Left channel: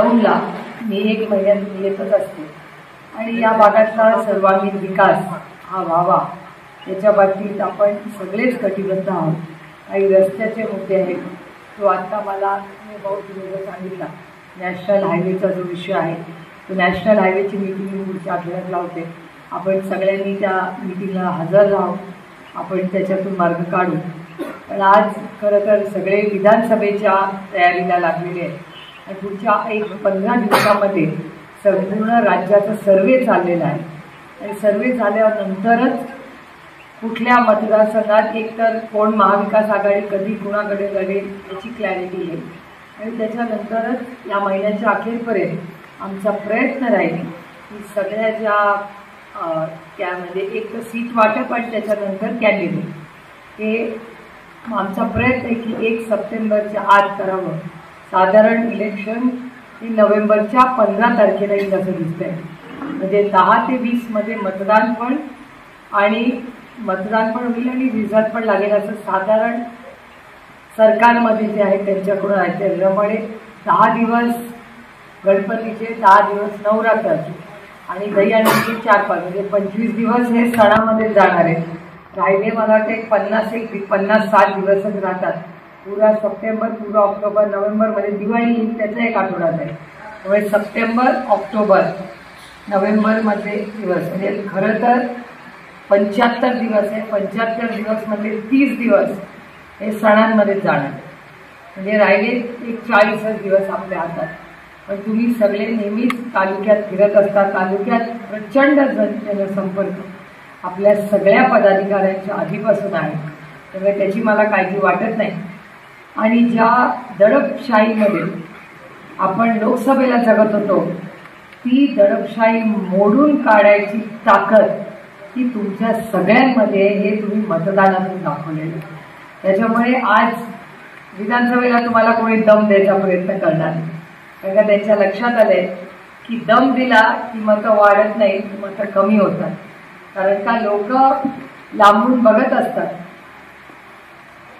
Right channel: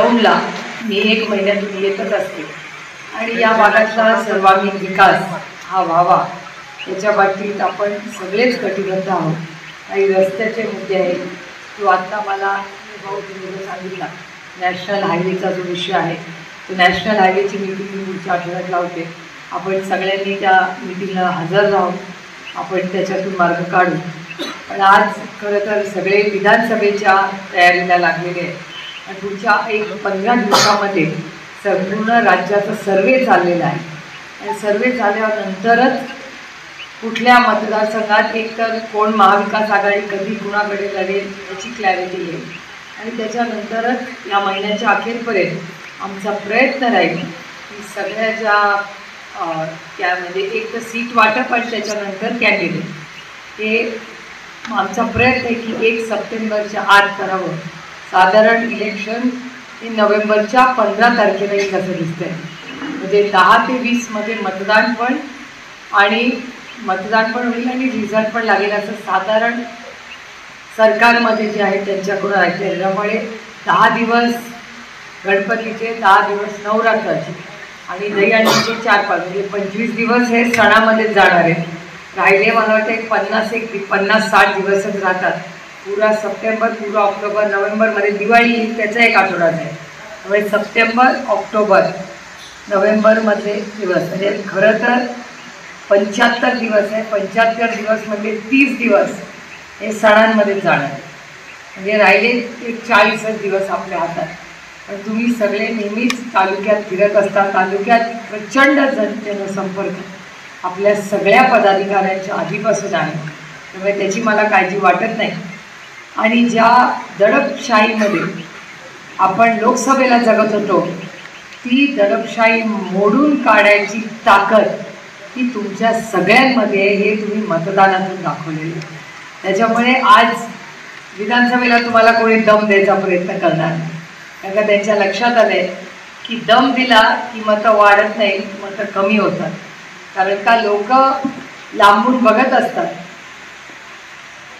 दौंडला मी 1 महिन्यातून येतच असते आणि या भागातला सर्वांगीण विकास हा व्हावा याच्या बाबतीत आपण सगळेच कटिबद्ध आहोत। काही रस्त्याचे मुद्दे आहेत जो आता मला भाऊ तुम्ही सांगितला नॅशनल हायवेचा जो विषय आहे तो नॅशनल हायवेची मीटिंग मी पुढच्या आठवड्यात लावते। आपण सगळ्यांनी त्या मीटिंगला हजर राहू, आपण त्याच्यातून मार्ग काढू। पण आज खरं तर सगळे विधानसभेच्या तयारीला लागलेले आहेत आणि पुढच्या 15 दिवसामध्ये संपूर्ण राज्याचा सर्वे चाललेला आहे आणि सर्वे झाल्यानंतरच कुठल्या मतदारसंघात एकतर कोण महाविकास आघाडी कधी कुणाकडे लढेल याची क्लॅरिटी येईल आणि त्याच्यानंतरच या महिन्याच्या अखेरपर्यंत आमचा प्रयत्न राहील की सगळ्या ज्या त्यामध्ये एक तर सीट वाटप आणि त्याच्यानंतर कॅन्डिडेट हे आमचा प्रयत्न आहे की 1 सप्टेंबरच्या आत करावं। साधारण इलेक्शन हे नोव्हेंबरच्या 15 तारखेला येईल असं दिसतं आहे, म्हणजे 10 ते 20 मध्ये मतदान पण होईल आणि रिझल्ट पण लागेल असं साधारण सरकारमध्ये जे आहे त्यांच्याकडून आहे। त्याच्यामुळे 10 दिवस गणपतीचे, 10 दिवस नवरात्राचे आणि दहीहंडीचे 4-5 म्हणजे 25 दिवस हे सणामध्ये जाणार आहेत। राहिले मला वाटतं 50-60 दिवसच राहतात। पुरा सप्टेंबर, पुरा ऑक्टोबर, नोव्हेंबरमध्ये दिवाळी येईल त्याचा 1 आठवडाच आहे। त्यामुळे सप्टेंबर, ऑक्टोबर, नोव्हेंबरमधले दिवस म्हणजे खरं तर 75 दिवस आहे। 75 दिवसमध्ये 30 दिवस हे सणांमध्ये जाणार, म्हणजे राहिले 40 दिवस आपल्या हातात। तर तुम्ही सगळे नेहमीच तालुक्यात फिरत असता, तालुक्यात प्रचंड जनसंपर्क आपल्या सगळ्या पदाधिकाऱ्यांच्या आधीपासून आहे, त्यामुळे त्याची मला काळजी वाटत नाही। आणि ज्या दडपशाहीमध्ये आपण लोकसभेला जगत होतो ती दडपशाही मोडून काढायची ताकद ती तुमच्या सगळ्यांमध्ये हे तुम्ही मतदानातून दाखवलेली। त्याच्यामुळे आज विधानसभेला तुम्हाला कोणी दम द्यायचा प्रयत्न करणार नाही, कारण का त्यांच्या लक्षात आलं आहे की दम दिला की मतं वाढत नाही, मतं कमी होतात। कारण का लोक लांबून बघत असतात,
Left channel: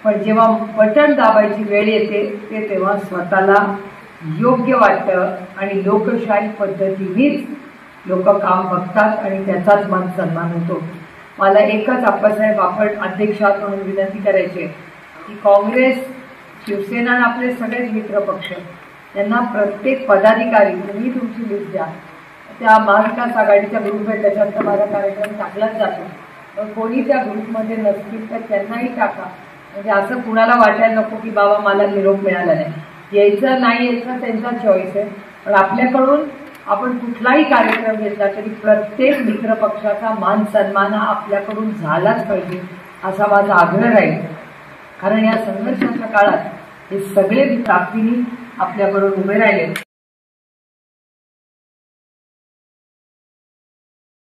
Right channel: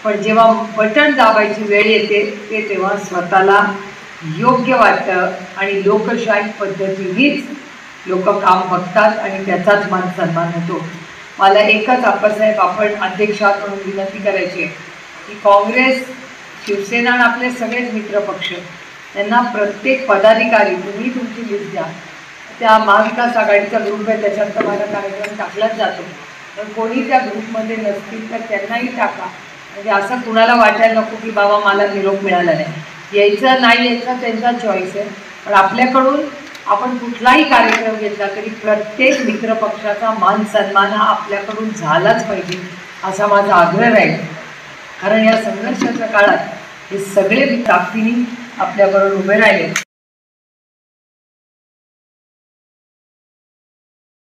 पण जेव्हा बटन दाबायची वेळ येते ते तेव्हा स्वतःला योग्य वाटतं आणि लोकशाही पद्धतीनेच लोक काम बघतात आणि त्याचाच मान सन्मान होतो। मला एकच आप्पासाहेब आपण अध्यक्षात म्हणून विनंती करायची आहे की काँग्रेस, शिवसेना आणि आपले सगळेच मित्रपक्ष त्यांना प्रत्येक पदाधिकारी तुम्ही तुमची लिस्ट द्या। त्या महाविकास आघाडीचा ग्रुप आहे त्याच्यात माझा कार्यक्रम टाकलाच जातो, पण कोणी त्या ग्रुपमध्ये नसतील तर त्यांनाही टाका, म्हणजे असं कुणाला वाटायला नको की बाबा मला निरोप मिळाला नाही। यायचं नाही यायचं त्यांचा चॉईस आहे, पण आपल्याकडून आपण कुठलाही कार्यक्रम घेतला तरी प्रत्येक मित्रपक्षाचा मान सन्मान हा आपल्याकडून झालाच पाहिजे असा माझा आग्रह राहील। कारण या संघर्षाच्या काळात हे सगळे ताकदीने आपल्याबरोबर उभे राहिले।